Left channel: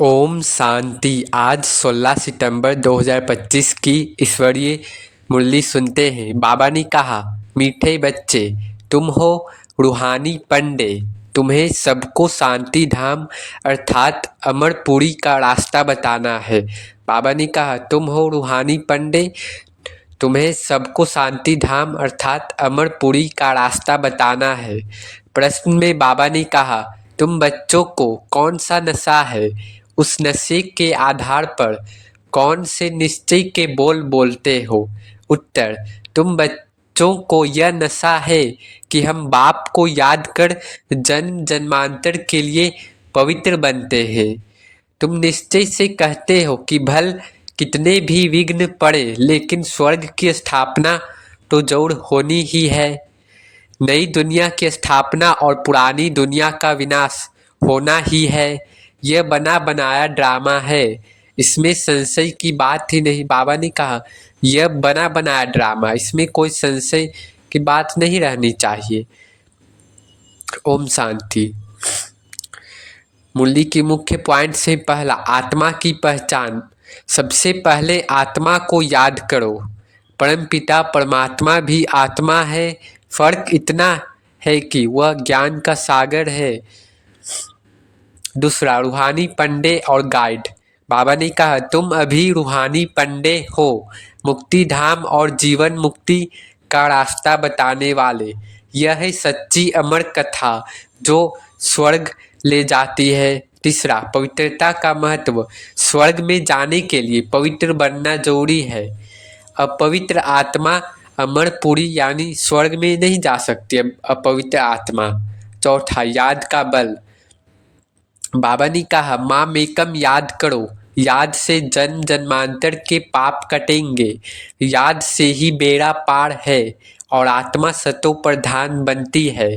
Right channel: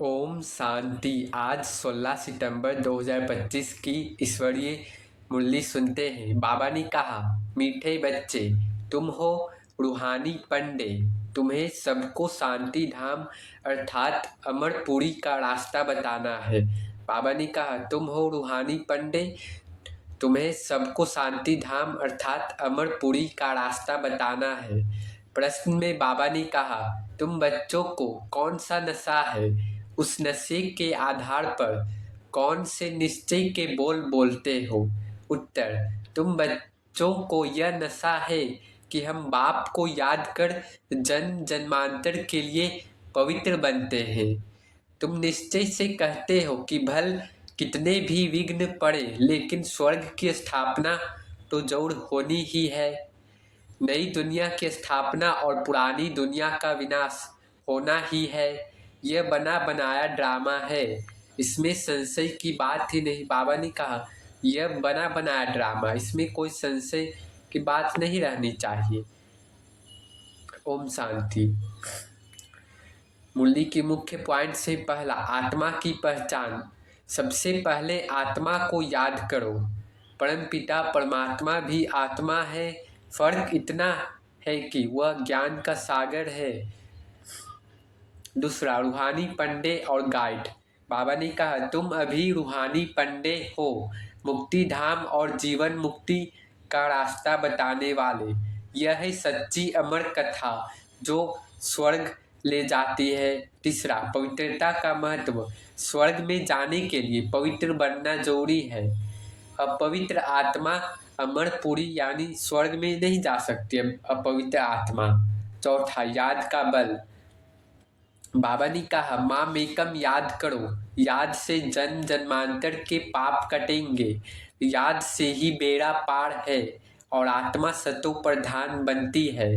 ओम शांति। आज 16 सितंबर 2025 की ईश्वरीय मुरली सुनते हैं। बाबा ने कहा, मीठे बच्चे, तुम हो रूहानी पंडे। तुम्हें सबको शांति धाम अर्थात अमरपुरी का रास्ता बताना है। बाबा ने कहा, तुम हो रूहानी पंडे, तुम्हें सबको शांति धाम अर्थात अमरपुरी का रास्ता बताना है। प्रश्न में बाबा ने कहा, तुम बच्चों को कौन सा नशा है? उस नशे के आधार पर कौन से निश्चय के बोल बोलते हो? उत्तर, तुम बच्चों को यह नशा है कि हम बाप को याद कर जन्म जन्मांतर के लिए पवित्र बनते हैं। तुम निश्चय से कहते हो कि भल कितने भी विघ्न पड़े लेकिन स्वर्ग की स्थापना तो जरूर होनी ही है। नई दुनिया की स्थापना और पुरानी दुनिया का विनाश होना ही है। यह बना बनाया ड्रामा है, इसमें संशय की बात ही नहीं। बाबा ने कहा, यह बना बनाया ड्रामा, इसमें कोई संशय की बात नहीं रहनी चाहिए। ओम शांति। मुरली की मुख्य पॉइंट से पहला, आत्मा की पहचान। सबसे पहले आत्मा को याद करो। परमपिता परमात्मा भी आत्मा है। फर्क इतना है कि वह ज्ञान का सागर है। दूसरा, रूहानी पंडे और गाइड। बाबा ने कहा, तुम अभी रूहानी पंडे हो, मुक्ति धाम और जीवन मुक्ति का रास्ता बताने वाले। यह है सच्ची अमर कथा जो स्वर्ग ले जाती है। तीसरा, पवित्रता का महत्व। स्वर्ग में जाने के लिए पवित्र बनना जरूरी है। अपवित्र आत्मा अमरपुरी यानी स्वर्ग में नहीं जा सकती अपवित्र आत्मा। चौथा, याद का बल। बाबा ने कहा, माँ मेकम याद करो, याद से जन्म जन्मांतर के पाप कटेंगे। याद से ही बेड़ा पार है और आत्मा सतो प्रधान बनती है।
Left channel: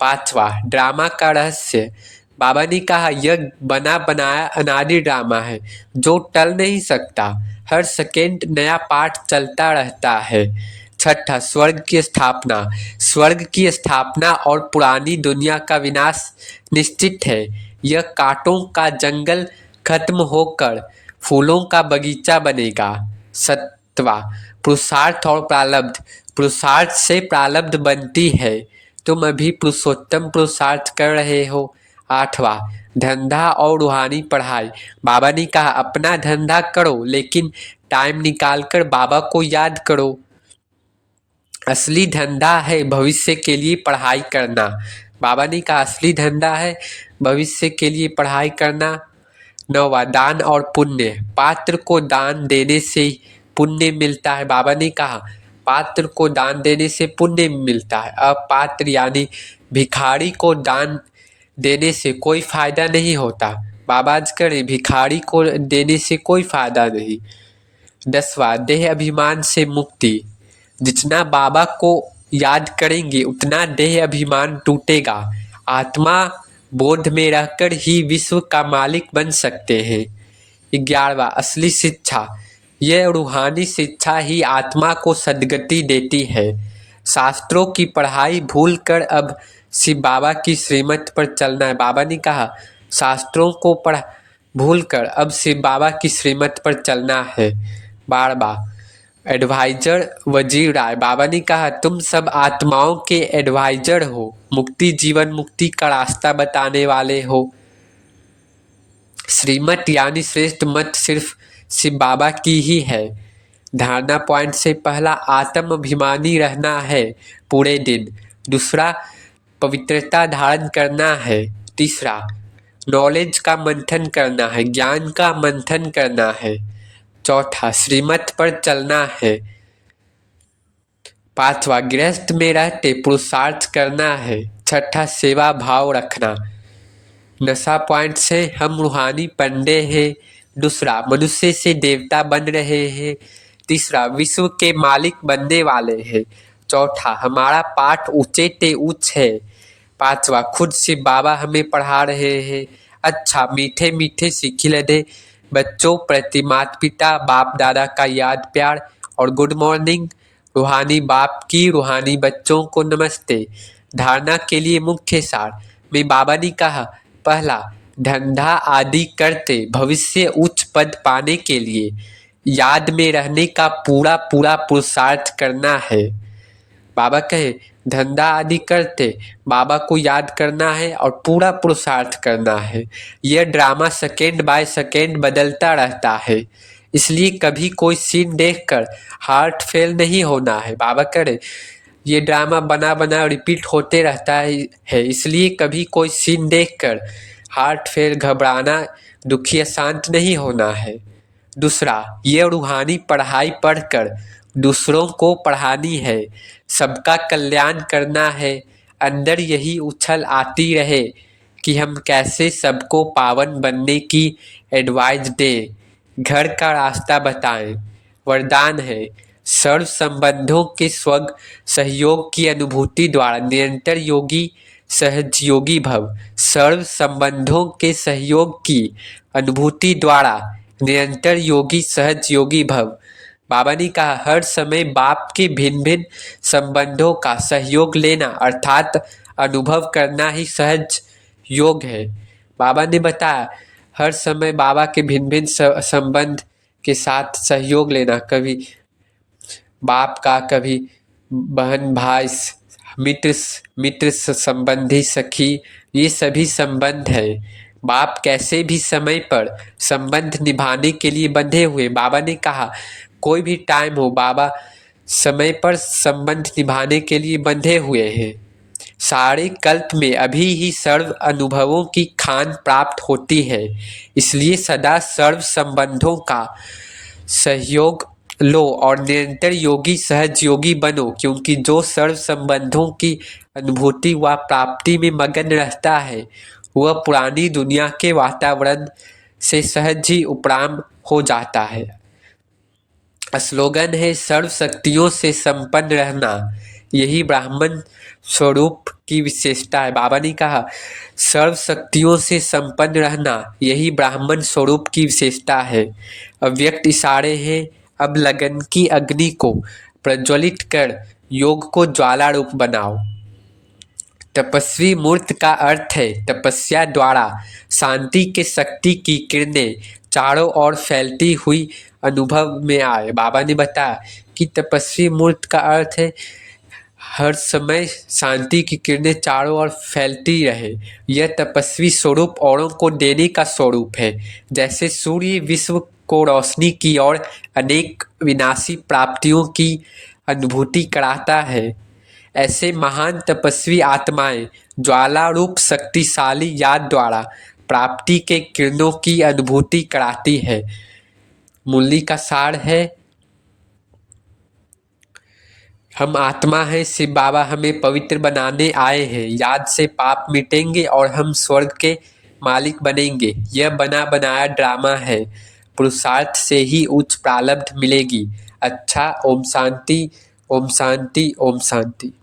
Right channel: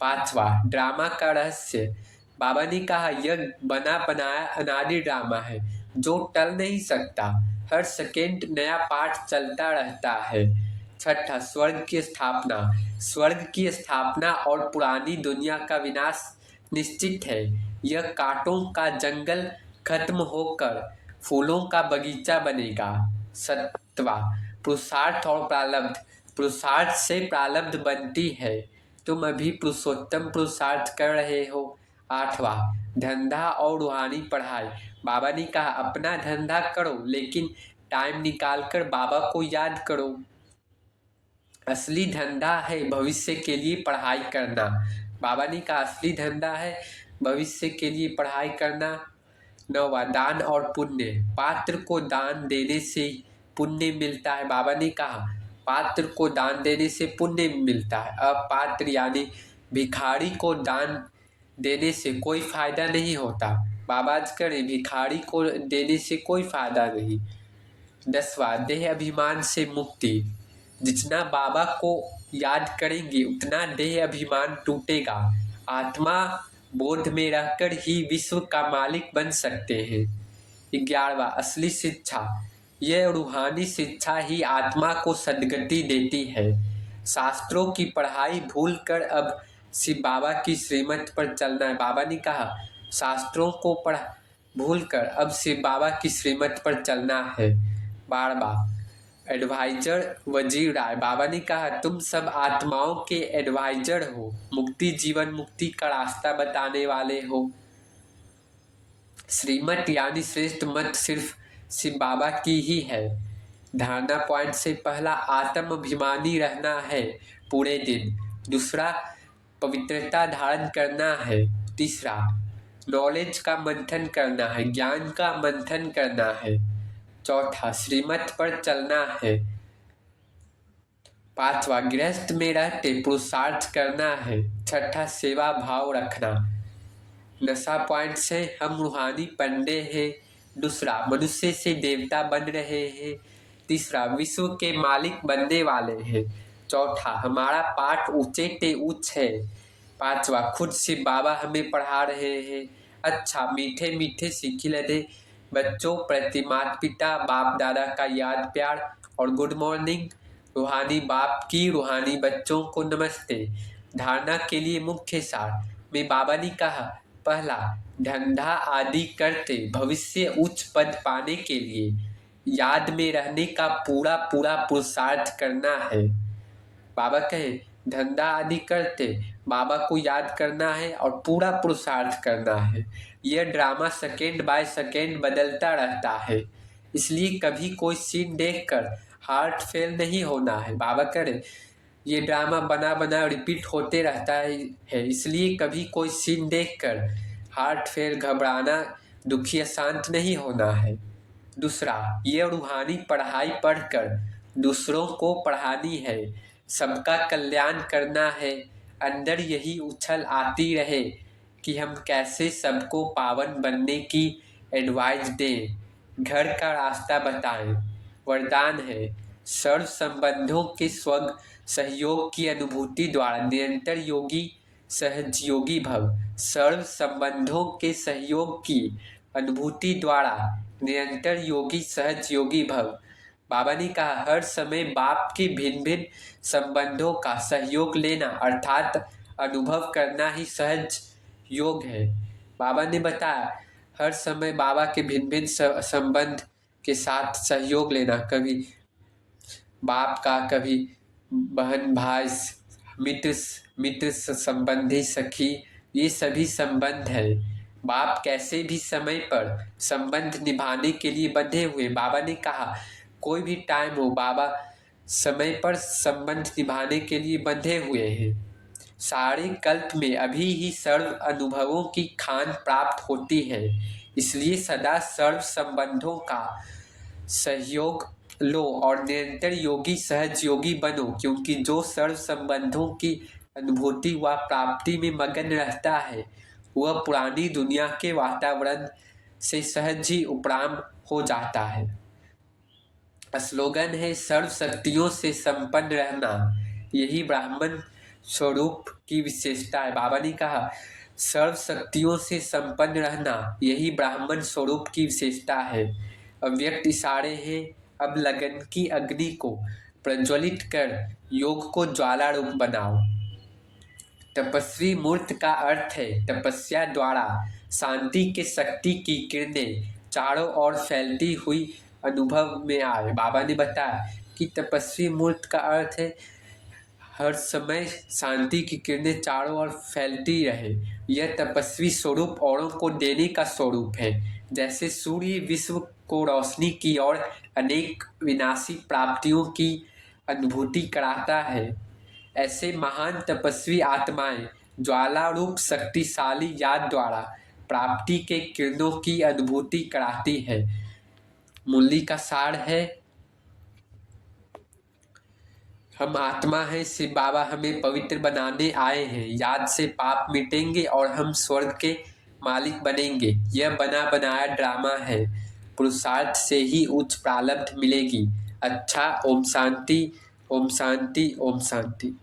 पांचवा, ड्रामा का रहस्य। बाबा ने कहा, यह बना बनाया अनादि ड्रामा है जो टल नहीं सकता। हर सेकेंड नया पाठ चलता रहता है। छठा, स्वर्ग की स्थापना। स्वर्ग की स्थापना और पुरानी दुनिया का विनाश निश्चित है। यह कांटों का जंगल खत्म होकर फूलों का बगीचा बनेगा। सत्वा, पुरुषार्थ और प्रारब्ध। पुरुषार्थ से प्रारब्ध बनती है। तुम अभी पुरुषोत्तम पुरुषार्थ कर रहे हो। आठवां, धंधा और रूहानी पढ़ाई। बाबा ने कहा, अपना धंधा करो लेकिन टाइम निकालकर बाबा को याद करो। असली धंधा है भविष्य के लिए पढ़ाई करना। बाबा ने कहा, असली धंधा है भविष्य के लिए पढ़ाई करना। नौवा, दान और पुण्य। पात्र को दान देने से पुण्य मिलता है। बाबा ने कहा, पात्र को दान देने से पुण्य मिलता है। अपात्र यानी भिखारी को दान देने से कोई फायदा नहीं होता। बाबा आज करें, भिखारी को देने से कोई फायदा नहीं। 10वां, देह अभिमान से मुक्ति। जितना बाबा को याद करेंगे उतना देह अभिमान टूटेगा। आत्मा बोध में रहकर ही विश्व का मालिक बन सकते हैं। 11वां, असली शिक्षा। यह रूहानी शिक्षा ही आत्मा को सद्गति देती है। शास्त्रों की पढ़ाई भूलकर अब शिव बाबा की श्रीमत पर चलना है। बाबा ने कहा, शास्त्रों को पढ़ भूलकर अब शिव बाबा की श्रीमत पर चलना है। 12वां, एडवाइजर वजीर राय। बाबा ने कहा, तुम सब आत्माओं के एडवाइजर हो, मुक्ति जीवन मुक्ति का रास्ता बताने वाले हो। श्रीमत यानी श्रेष्ठ मत सिर्फ शिव बाबा की ही है। धारणा पॉइंट से पहला, आत्म अभिमानी रहना है पूरे दिन। दूसरा, पवित्रता धारण करना है। तीसरा, नॉलेज का मंथन करना है, ज्ञान का मंथन करना है। चौथा, श्रीमत पर चलना है। 5वां, गृहस्थ में रहते पुरुषार्थ करना है। 6ठा, सेवा भाव रखना। नशा पॉइंट से हम रूहानी पंडे हैं। दूसरा, मनुष्य से देवता बन रहे हैं। तीसरा, विश्व के मालिक बनने वाले हैं। चौथा, हमारा पाठ ऊंचे ते उच्च है। 5वां, खुद से बाबा हमें पढ़ा रहे हैं। अच्छा, मीठे मीठे सीखी लदे बच्चों प्रति माता पिता बाप दादा का याद प्यार और गुड मॉर्निंग। रूहानी बाप की रूहानी बच्चों को नमस्ते। धारणा के लिए मुख्य सार में बाबा ने कहा, पहला, धंधा आदि करते भविष्य उच्च पद पाने के लिए याद में रहने का पूरा पूरा पुरुषार्थ करना है। बाबा कहे धंधा आदि करते बाबा को याद करना है और पूरा पुरुषार्थ करना है। यह ड्रामा सेकेंड बाय सेकेंड बदलता रहता है, इसलिए कभी कोई सीन देखकर हार्ट फेल नहीं होना है। बाबा करे ये ड्रामा बना बना रिपीट होते रहता है, इसलिए कभी कोई सीन देखकर हार्ट फेल, घबराना, दुखी, शांत नहीं होना है। दूसरा, ये रूहानी पढ़ाई पढ़कर दूसरों को पढ़ानी है, सबका कल्याण करना है। अंदर यही उछल आती रहे कि हम कैसे सबको पावन बनने की एडवाइस दें, घर का रास्ता बताएं। वरदान है सर्व संबंधों के स्वर्ग सहयोग की अनुभूति द्वारा निरंतर योगी सहजयोगी भव। सर्व संबंधों के सहयोग की अनुभूति द्वारा निरंतर योगी सहज योगी भव। बाबा ने कहा हर समय बाप के भिन्न भिन्न संबंधों का सहयोग लेना अर्थात अनुभव करना ही सहज योग है। बाबा ने बताया हर समय बाबा के भिन्न भिन्न संबंध के साथ सहयोग लेना, कभी बाप का, कभी बहन भाई, मित्र संबंधी, सखी, ये सभी संबंध है। बाप कैसे भी समय पर संबंध निभाने के लिए बंधे हुए। बाबा ने कहा कोई भी टाइम हो बाबा समय पर संबंध निभाने के लिए बंधे हुए हैं। सारे कल्प में अभी ही सर्व अनुभवों की खान प्राप्त होती है, इसलिए सदा सर्व संबंधों का सहयोग लो और निरंतर योगी सहज योगी बनो, क्योंकि जो सर्व संबंधों की अनुभूति व प्राप्ति में मगन रहता है वह पुरानी दुनिया के वातावरण से सहज ही उपराम हो जाता है। स्लोगन है सर्व शक्तियों से संपन्न रहना, यही ब्राह्मण स्वरूप की विशेषता है। बाबा ने कहा सर्व शक्तियों से संपन्न रहना यही ब्राह्मण स्वरूप की विशेषता है। अव्यक्त इशारे हैं, अब लगन की अग्नि को प्रज्वलित कर योग को ज्वाला रूप बनाओ। तपस्वी मूर्त का अर्थ है तपस्या द्वारा शांति के शक्ति की किरणें चारों ओर फैलती हुई अनुभव में आए। बाबा ने बताया कि तपस्वी मूर्त का अर्थ है हर समय शांति की किरणें चारों ओर फैलती रहे। यह तपस्वी स्वरूप औरों को देने का स्वरूप है। जैसे सूर्य विश्व को रोशनी की और अनेक विनाशी प्राप्तियों की अनुभूति कराता है, ऐसे महान तपस्वी आत्माएं ज्वाला रूप शक्तिशाली याद द्वारा प्राप्ति के किरणों की अनुभूति कराती है। मुरली का सार है हम आत्मा हैं, शिव बाबा हमें पवित्र बनाने आए हैं। याद से पाप मिटेंगे और हम स्वर्ग के मालिक बनेंगे। यह बना बनाया ड्रामा है, पुरुषार्थ से ही उच्च प्रारब्ध मिलेगी। अच्छा, ओम शांति, ओम शांति, ओम शांति।